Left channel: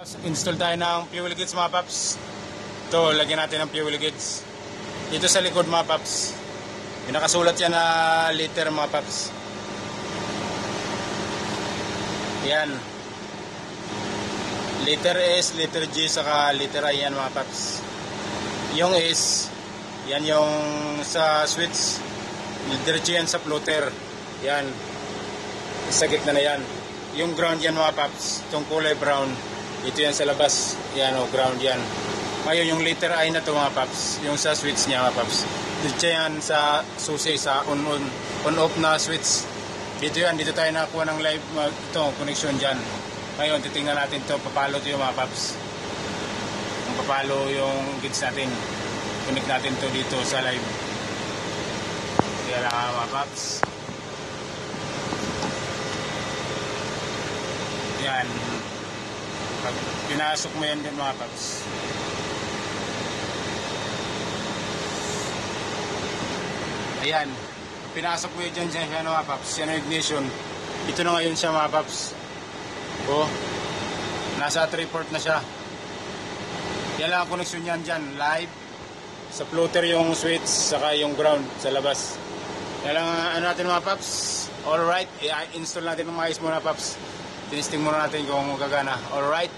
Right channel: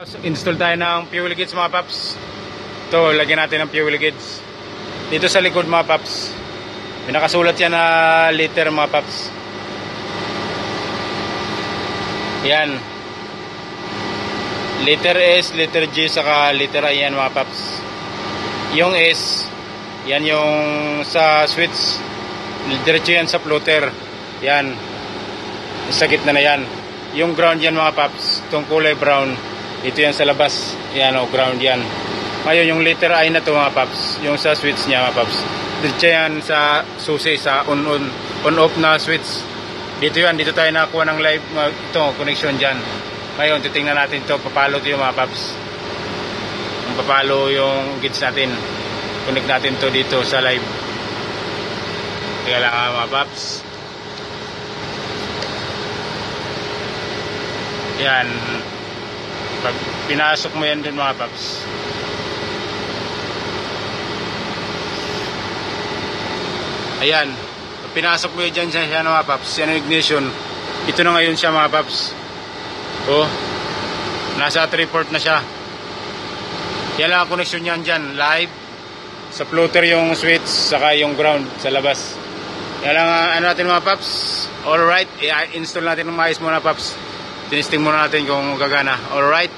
Install tayo ng fuel gauge mga paps. Ito, lagyan natin ng fuel gauge dito sa likod mga paps. Pinakasulat yan na liter mga paps. Yan, liter S, liter G, saka liter I yan mga paps. Yung S, yan yung sa switch, diretso yan sa floater. Yan, sa gitna na yan. Yung ground yan mga paps, itong kulay brown, ito yan sa labas. Yan o, ground yan. Ngayon yung liter I na to mga paps, yung sa switch niya mga paps, diretso yan sa susi, sa on-off na switch. Dito yan, dito tayo nakakuha ng live, ito, connection dyan. Ngayon, titingnan natin ito, papalo ito yung mga paps. Ang papalo yung gauge natin. Connect natin to dito sa live. Kaya lang mga paps. Yan. Pag pinasok mo yan dun mga paps, ayan, pag pinasok mo yan dyan siya mga paps, yan ang ignition. Ito na ngayon siya mga paps. Oh, nasa 3-port na siya. Yan lang ang connection yan dyan, live. Sa floater yung switch, saka yung ground sa labas. Yan lang ano natin mga paps. Alright, i-install natin ng maayos muna paps. Tinisting muna natin kung gagana. Alright.